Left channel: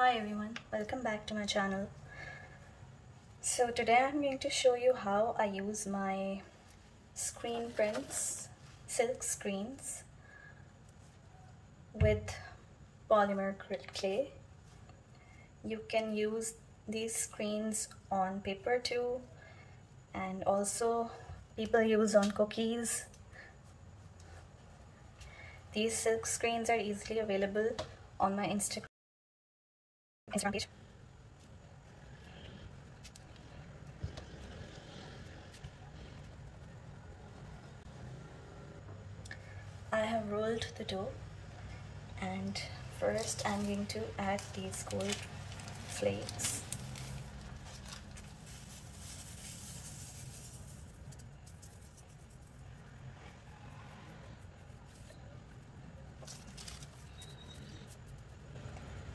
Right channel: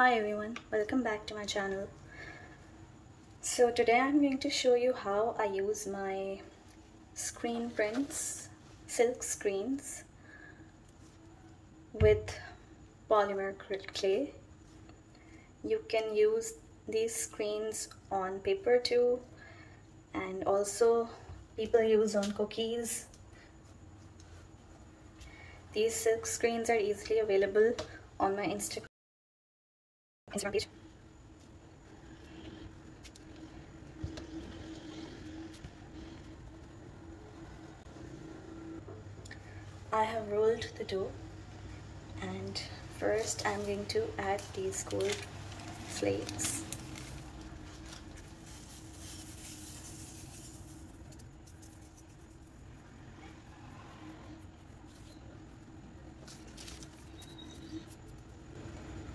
Hi everyone, welcome back to my channel. So today I'm going to show you how I use my screen prints, silk screens with polymer clay. You can use these screens on paper too, and also people use on cookies. These silk screens are easily available on my Instagram page. I have rolled the dough, and first I'm going to add these gold flakes.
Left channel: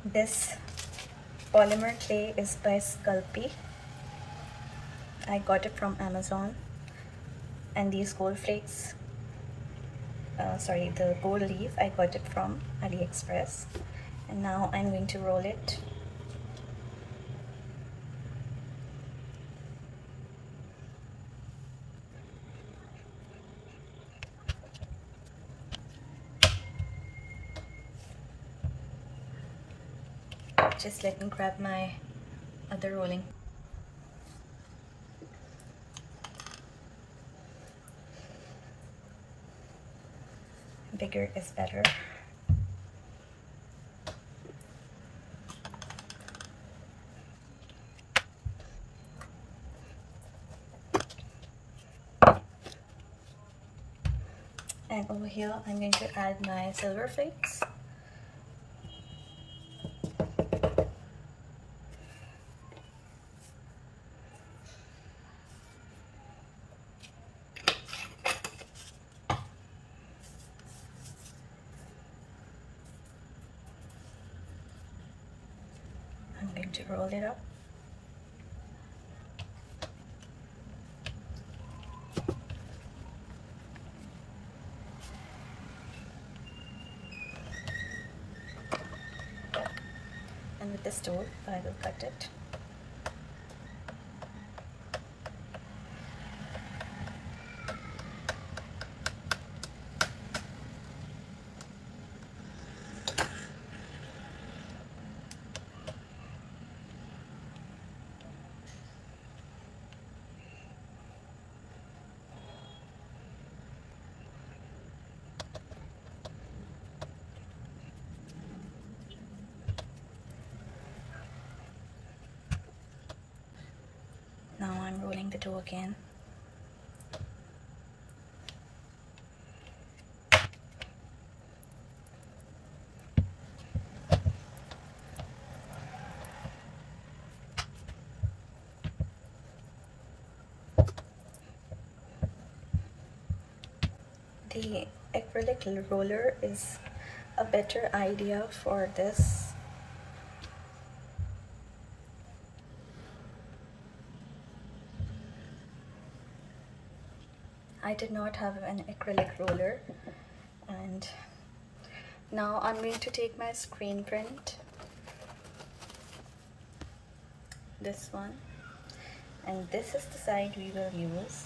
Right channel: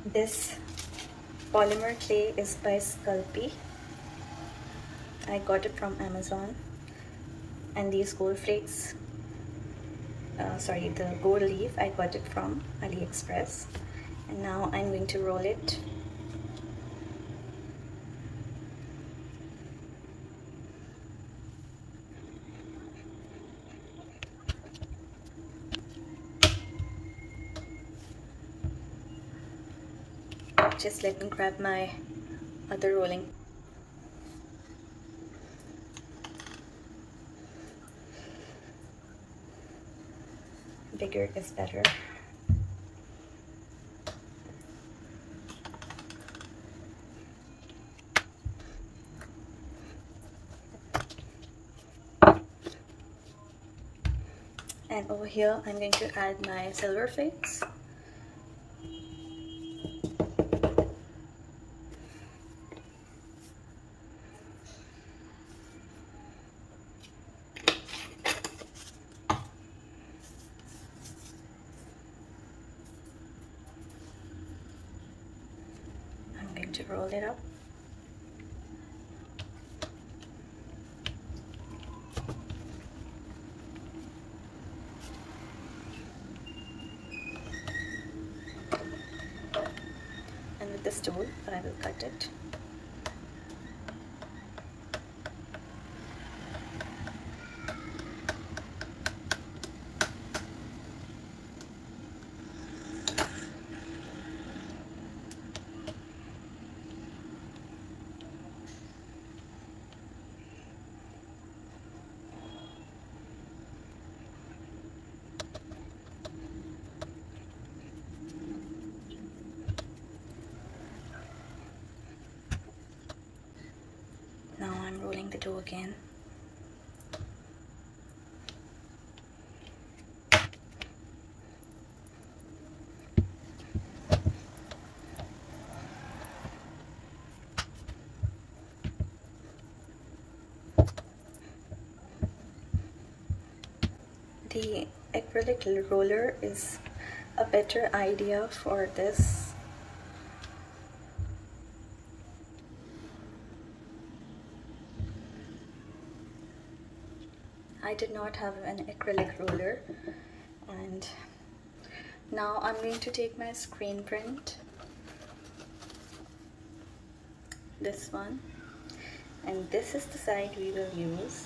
This polymer clay is by Sculpey. I got it from Amazon. And these gold flakes, the gold leaf, I got it from AliExpress. And now I'm going to roll it. Just let me grab my other rolling. Bigger is better. And over here I'm going to add my silver flakes. I'm going to roll it up. And with this tool, I will cut it. Now I'm rolling the dough again. The acrylic roller is a better idea for this. I did not have an acrylic roller, and now I'm going to take my screen print, this one, and this is the side we will use.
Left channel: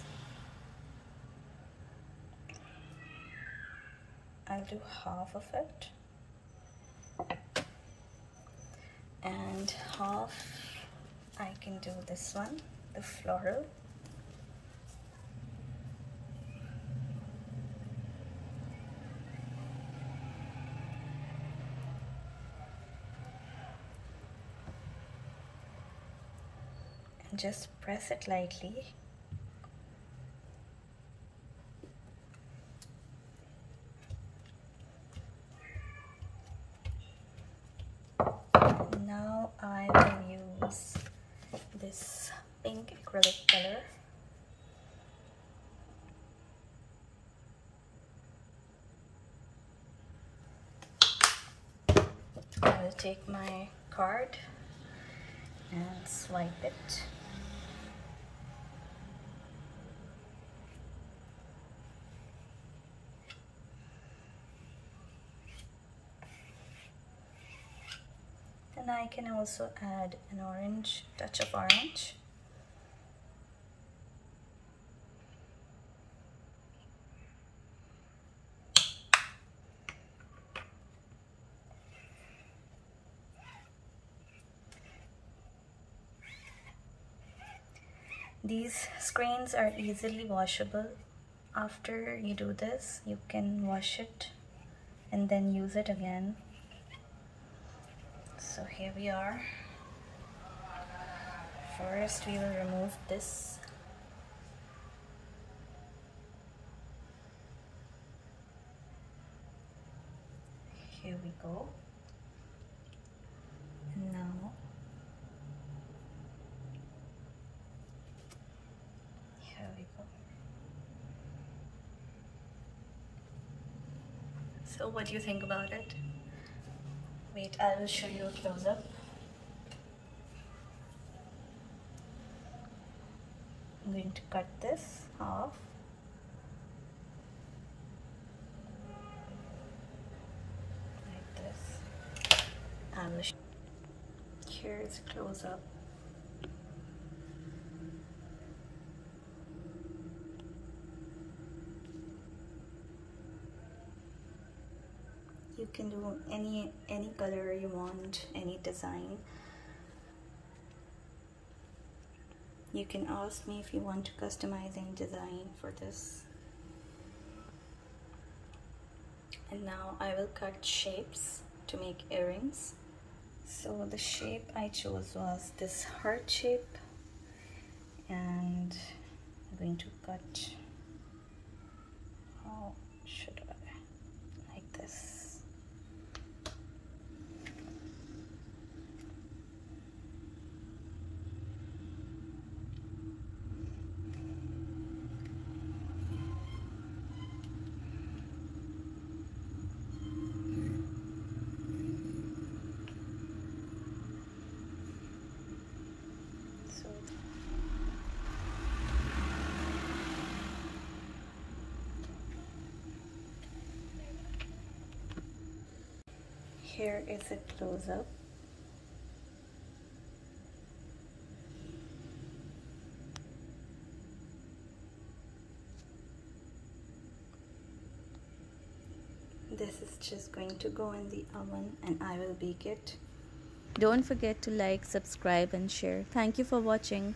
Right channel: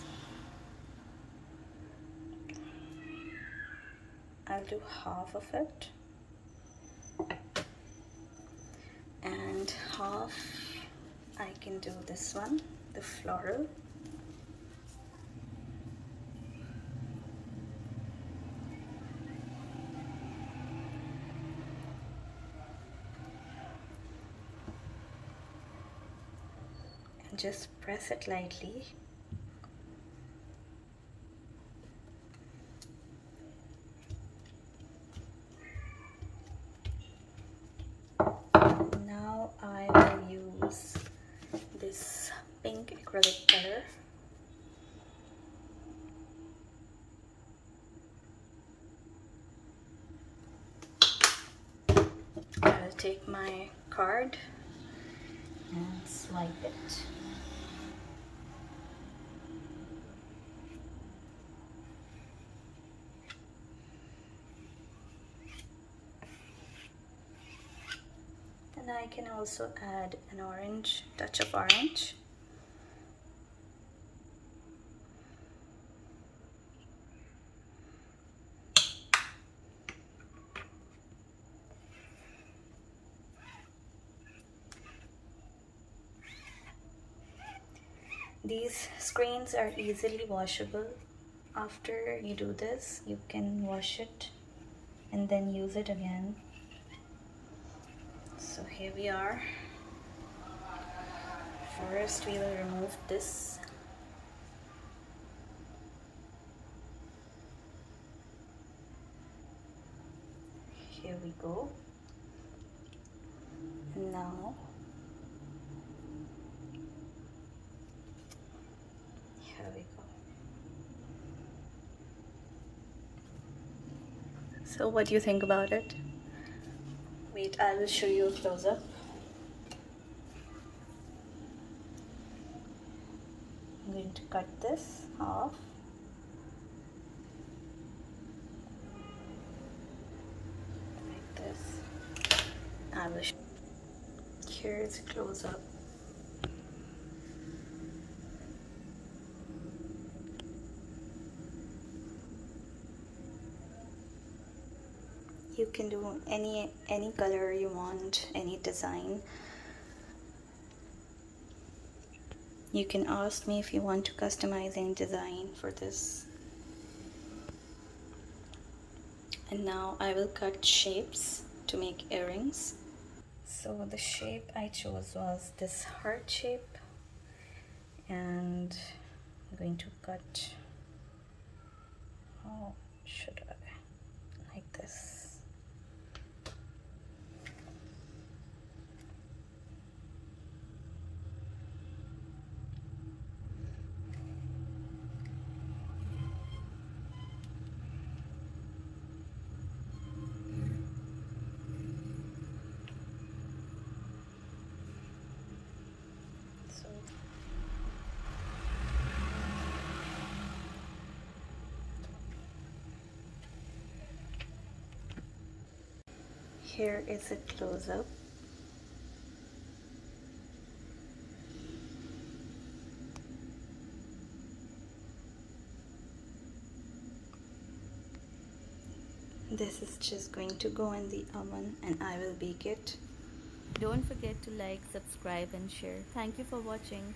I'll do half of it, and half I can do this one, the floral. And just press it lightly. Now I will use this pink acrylic color. I will take my card and swipe it. I can also add an orange, touch of orange. These screens are easily washable. After you do this, you can wash it and then use it again. So here we are. First we will remove this. Here we go. Now here we go. So what do you think about it? Wait, I will show you close up. I'm going to cut this off. Like this. I will here is a close up. You can do any color you want, any design. You can ask me if you want to customize any design for this. And now I will cut shapes to make earrings. So the shape I chose was this heart shape, and I'm going to cut, how should I, like this. Here is a close-up. This is just going to go in the oven and I will bake it. Don't forget to like, subscribe and share. Thank you for watching.